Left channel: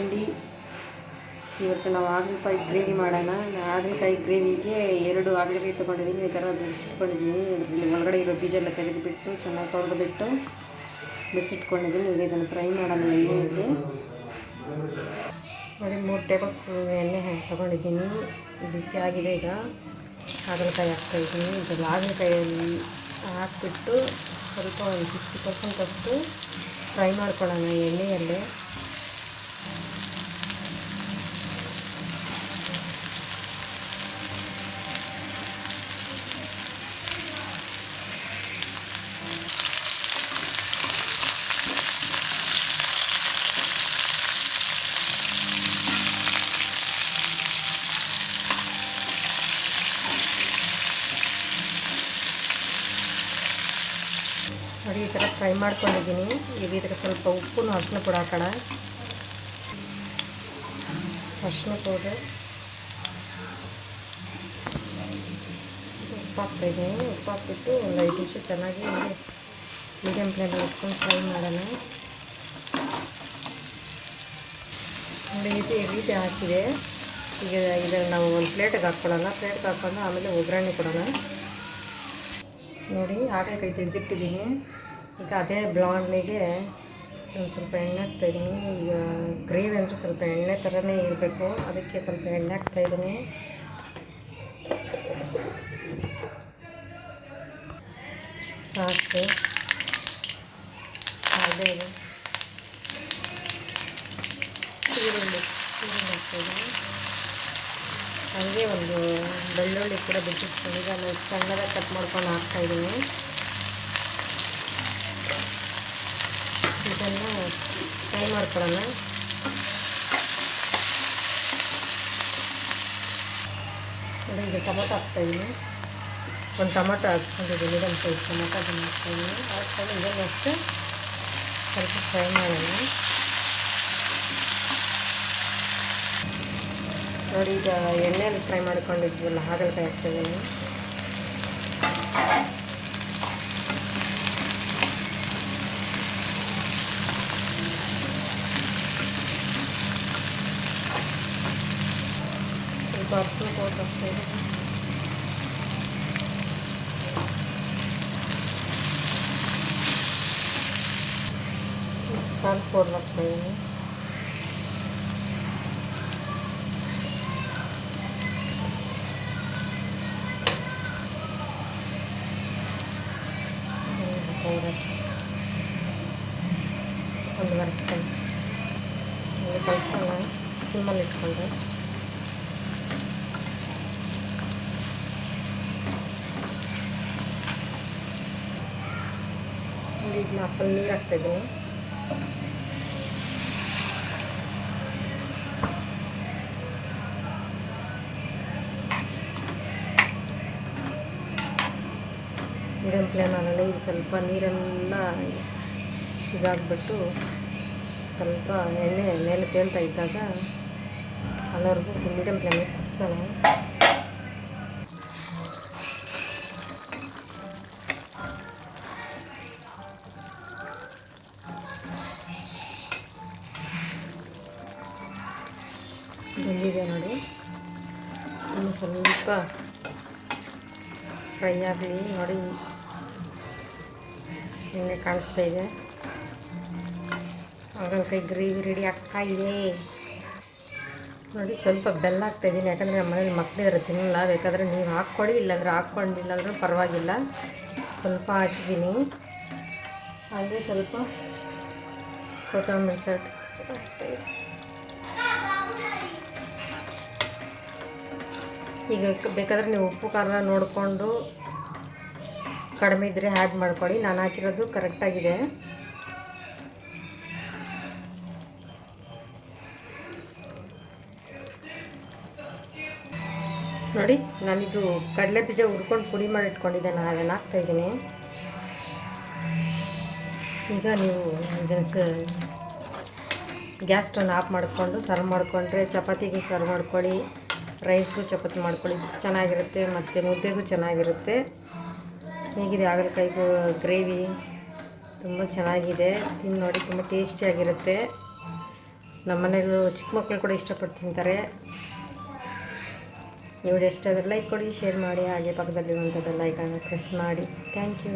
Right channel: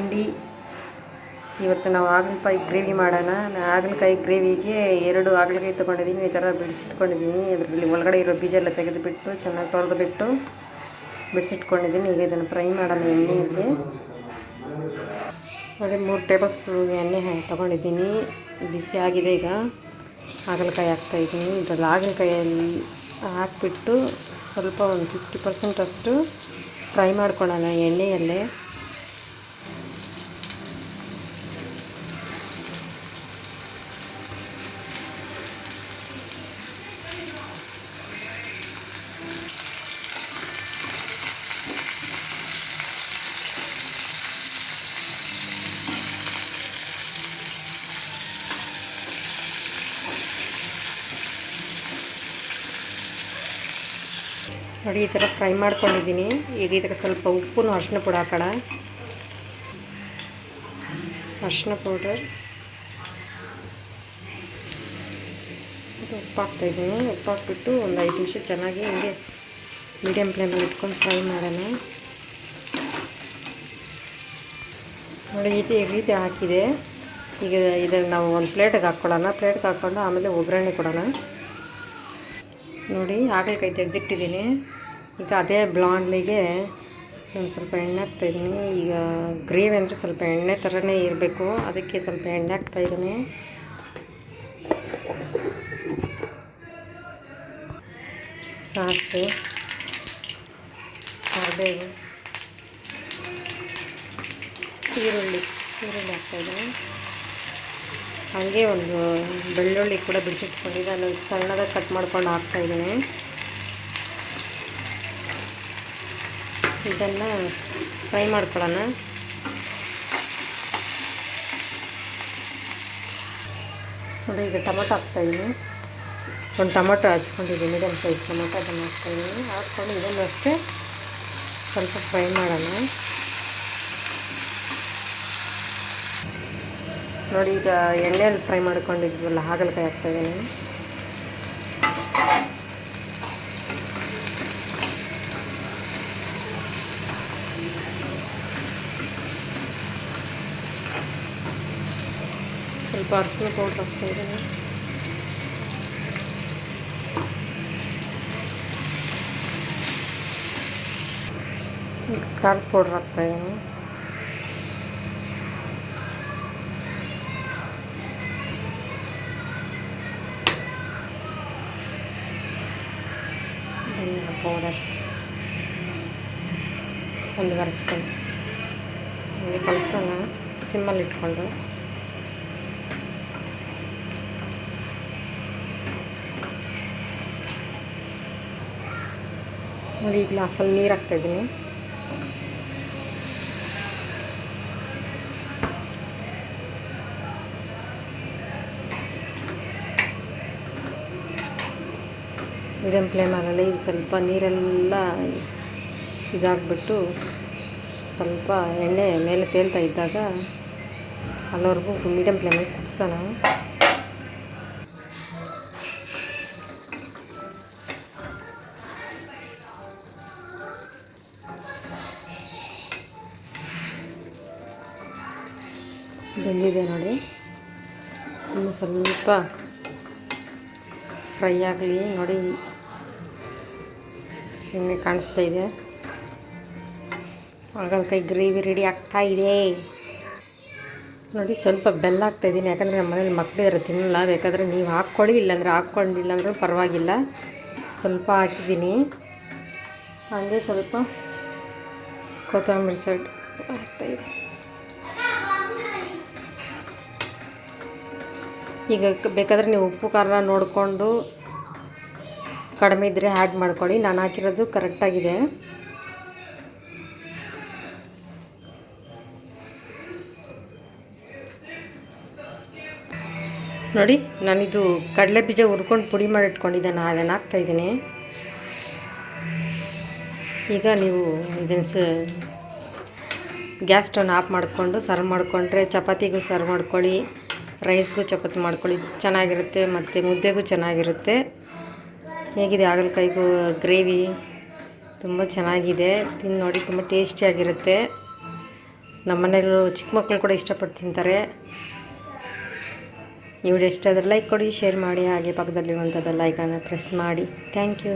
ತಿಂಡಿ ಇವತ್ತು ನಾವು ಹಾಗಲಕಾಯಿ ಗ್ರೇವಿ ಮಾಡೋಣ. ಹಾಗಲಕಾಯಿ ಗ್ರೇವಿಗೆ 2 ಹಾಗಲಕಾಯಿ ತೊಗೊಂಡಿದ್ದೀನಿ. ಈ ಥರ ಬಿಡಿಸಿಟ್ಕೊಂಡಿದ್ದೀನಿ. ಇದರಲ್ಲಿ ಒಳಗಡೆ ಇರೋ ಬೀಜ ಎಲ್ಲ ತೆಗೆದುಬಿಟ್ಟು ಚೆನ್ನಾಗಿ ತೊಳೆದುಬಿಟ್ಟು ಬಿಡಿಸಿಟ್ಕೊಂಡಿದ್ದೀನಿ. ಈಗ ಇದನ್ನು ಫ್ರೈ ಮಾಡೋಣ ಎಣ್ಣೆಯಲ್ಲಿ. ಅದೇ 3 ಟೇಬಲ್ ಸ್ಪೂನ್ ಎಣ್ಣೆ ತೊಗೊಂಡಿದ್ದೀನಿ. ಬಿಸಿ ಆಗಿದೆ. ಈಗ ಹಾಗಲಕಾಯಿ ಹಾಕ್ತಾಯಿದ್ದೀನಿ. ಇದರಲ್ಲಿ ಹಾಗಲಕಾಯಲ್ಲಿ ಹಾಕಿಬಿಟ್ಟು ಸ್ವಲ್ಪ ಒಂದು 50% ಅಷ್ಟು ಫ್ರೈ ಮಾಡ್ಕೊಳ್ಳೋಣ ಎಣ್ಣೆಯಲ್ಲೇ. ನೋಡಿ ಈ ಥರ ಫ್ರೈ ಮಾಡ್ಕೊಂಡಿದ್ದೀನಿ. ಈಗ ಇದಕ್ಕೆ ಸ್ವಲ್ಪ ಉಪ್ಪು ಅರಿಶಿನ ಪುಡಿ ಹಾಕೋಣ. ಅರಿಶಿನ ಪೌಡರ್, ಉಪ್ಪು ಹಾಕ್ತಾಯಿದ್ದೀನಿ. ಉಪ್ಪು ಹಾಕ್ಬಿಟ್ಟು ಒಂದು 5 ನಿಮಿಷ ಚೆನ್ನಾಗಿ ಹಿಂಗೆ ಮೀಡಿಯಮ್ ಫ್ಲೇಮಲ್ಲಿ ಇಟ್ಕೊಂಡು ಫ್ರೈ ಮಾಡೋಣ. ನೋಡಿ ಈ ರೀತಿ ಹಾಕಿದೆ. ಈಗ ಇದನ್ನು ನಾವು ಒಂದು ಪ್ಲೇಟಿಗೆ ಹಾಕ್ಕೊಳ್ಳೋಣ. ಪ್ಲೇಟ್ಗೆ ಹಾಕ್ಕೊಂಡು ಆಮೇಲೆ ಒಗ್ಗರಣೆ ಕೊಡೋಣ. ನೋಡಿ ಹಾಗಲಕಾಯಿ ತೆಗೆದಿಟ್ಟಿದ್ದೀನಿ. ಈಗ ಅದೇ ಬಾಣಲಿಗೆ ಒಂದು ಸ್ವಲ್ಪ ಎಣ್ಣೆ ಹಾಕ್ತಾಯಿದ್ದೀನಿ. ಈಗ ಗ್ರೇವಿ ಅಂದರೆ ಸ್ವಲ್ಪ ಎಣ್ಣೆ ಥರನೇ ಇರಬೇಕು, ಅದಕ್ಕೆ ಸ್ವಲ್ಪ ಎಣ್ಣೆ ಹಾಕ್ತಾಯಿದ್ದೀನಿ. ಸಾಸಿವೆ, ಅದೇ ಈರುಳ್ಳಿ ಹಾಕ್ತಾಯಿದ್ದೀನಿ. ಹಾಗೆ ಒಂದು ಬೆಳ್ಳುಳ್ಳಿ ಕೂಡ ಬಿಡಿಸಿಟ್ಕೊಂಡಿದ್ದೆ, ಅದನ್ನು ಸಣ್ಣದಾಗಿ ಕಟ್ ಮಾಡ್ಕೊಂಡು ಹಾಕ್ತಾಯಿದ್ದೀನಿ. ಇದನ್ನು ಫ್ರೈ ಮಾಡ್ಕೊಳ್ಳೋಣ. ನೋಡಿ ಈಗ ಟೊಮೊಟೊ ಹಾಕ್ತಾಯಿದ್ದೀನಿ. ಒಂದು ಟೊಮೊಟೊ ಹಚ್ಕೊಂಡಿದ್ದೀನಿ, ಮೀಡಿಯಮ್ ಸೈಜ್ ಟೊಮೊಟೊ, ಅದನ್ನು ಹಾಕ್ತಾಯಿದ್ದೀನಿ. ಹಾಕ್ಕೊಂಡು ಇದನ್ನು ಅಷ್ಟೇ ಸ್ವಲ್ಪ ಫ್ರೈ ಮಾಡೋಣ. ನೋಡಿ ಈಗ ಎಣ್ಣೆಯಲ್ಲಿ ಫ್ರೈ ಮಾಡ್ಕೊಂಡಿದ್ವಲ್ಲ ಹಾಗಲಕಾಯಿ ಹಾಕ್ತಾಯಿದ್ದೀನಿ. ಸ್ವಲ್ಪ ಅರಿಶಿನ ಪೌಡ್ರ್ ಹಾಕ್ತಾಯಿದ್ದೀನಿ. ಖಾರದ ಪೌಡ್ರ್ ಹಾಕ್ತಾಯಿದ್ದೀನಿ. ಪೌಡರ್ 1 ಸ್ಪೂನ್ ಕಲಸೋಣ ಸಿಮ್ಮಲ್ಲಿ ಇಟ್ಕೊಂಡು. ನೋಡಿ ಈ ಗ್ಲಾಸಲ್ಲಿ ನೀರು ಹಾಕ್ತಾಯಿದ್ದೀನಿ. ಮೀಡಿಯಮ್ ಫ್ಲೇಮಲ್ಲಿ ಇದು ಸ್ವಲ್ಪ ನೀರೆಲ್ಲ ಇದಾಗಿಬಿಟ್ಟು ಸ್ವಲ್ಪ ಎಣ್ಣೆ ಮೇಲೆ ತೇಲ್ತಾ ಇದ್ದಾಗ ಅಲ್ಲಿವರೆಗೂ ಮೀಡಿಯಮ್ ಫ್ಲೇಮಲ್ಲಿ ಕುದಿಸೋಣ. ಬೆಂದಿದೆ ನೋಡಿ, ಇನ್ನು ಸ್ವಲ್ಪ ಫ್ರೈ ಆಗಲಿ. ನೋಡಿ ಎಣ್ಣೆ ಕಾಣಿಸ್ತಾ ಇದೆ. ಹಾಗಲಕಾಯಿ ಗ್ರೇವಿ ರೆಡಿ ಆಗ್ತಾಯಿದೆ. ನೋಡಿ ಸ್ವಲ್ಪ ಬೆಲ್ಲ ಹಾಕ್ತಾಯಿದ್ದೀನಿ, ಯಾಕಂದರೆ ನಮ್ಮ ಮನೇಲಿ ಮಕ್ಕಳಿದ್ರೆ ತಿನ್ನಲ್ಲ. ಬೇಕಾದರೆ ನೀವು ಹಾಕ್ಕೊಳ್ಳಿ, ಇಲ್ಲಾಂದರೆ ಹಾಕ್ಕೊಂಡಿಲ್ಲ ಅಂದರೂ ಪರವಾಗಿಲ್ಲ. ಸ್ವಲ್ಪ ಹಾಕಿದ್ದೀನಿ. ಹಾಗೆ ಸ್ವಲ್ಪ ಕೊತ್ತಂಬರಿ ಸೊಪ್ಪು ಹಾಕ್ತಾಯಿದೆ. ಈಗ ಬೇಕಾದರೆ ನೀವು ಉಪ್ಪು ಖಾರ ನೋಡಿಕೊಂಡು ಕಡಿಮೆ ಇದ್ದರೆ ಆ್ಯಡ್ ಮಾಡ್ಕೊಳ್ಳಿ. ನಾನು ಹಾಕಿರೋದು ಕರೆಕ್ಟಾಗಿದೆ. ನೋಡಿ ನಾನಿದು ಕಡಲೆ ಬೀಜ ಹುರ್ಕೊಂಡು ಪುಡಿ ಮಾಡಿ ಇಟ್ಕೊಂಡಿದ್ದೆ, ನಾನು ಅದನ್ನು ಹಾಕ್ತಾಯಿದ್ದೀನಿ. ಈಗ ನೀವು ಇದನ್ನು ಗ್ಯಾಸ್ ಸ್ಟವ್ನ ಆಫ್ ಮಾಡಿಕೊಂಡು ಸರ್ವ್ ಮಾಡಿಕೊಂಡ್ರೆ ಚಪಾತಿಗೂ ಸರ್ವ್ ಮಾಡ್ಕೊಳ್ಳಿ, ರೈಸ್ಗೂ ಚಪಾತಿ ಮಾಡ್ಕೊಳ್ಳಿ, ಚೆನ್ನಾಗಿರುತ್ತೆ. ಮತ್ತು ಮುದ್ದೆಗೂ ಚೆನ್ನಾಗಿರುತ್ತೆ. ಹೇಗಿದೆ ಹಾಗಲಕಾಯಿಗೂ ಗ್ರೇವಿ? ತುಂಬ ಚೆನ್ನಾಗಿದೆ. ತಿಂದು ನೋಡಿ, ತುಂಬ ಟೇಸ್ಟಿಯಾಗಿರುತ್ತೆ. ನಮ್ಮ ಮನೆಯಲ್ಲೂ ಚಿಕ್ಕ ಮಕ್ಕಳು ಕೂಡ ಇಷ್ಟಪಟ್ಟು ತಿಂತಾರೆ. ಈ ವಿಡಿಯೋ ಇಷ್ಟ ಆದರೆ ಲೈಕ್ ಕೊಡಿ, ಶೇರ್ ಮಾಡಿ, ಹಾಗೆ ಪಕ್ಕದಲ್ಲಿರುವಂಥ ಬೆಲ್ ಐಕಾನ್ನ ಪ್ರೆಸ್ ಮಾಡಿ. Thank you.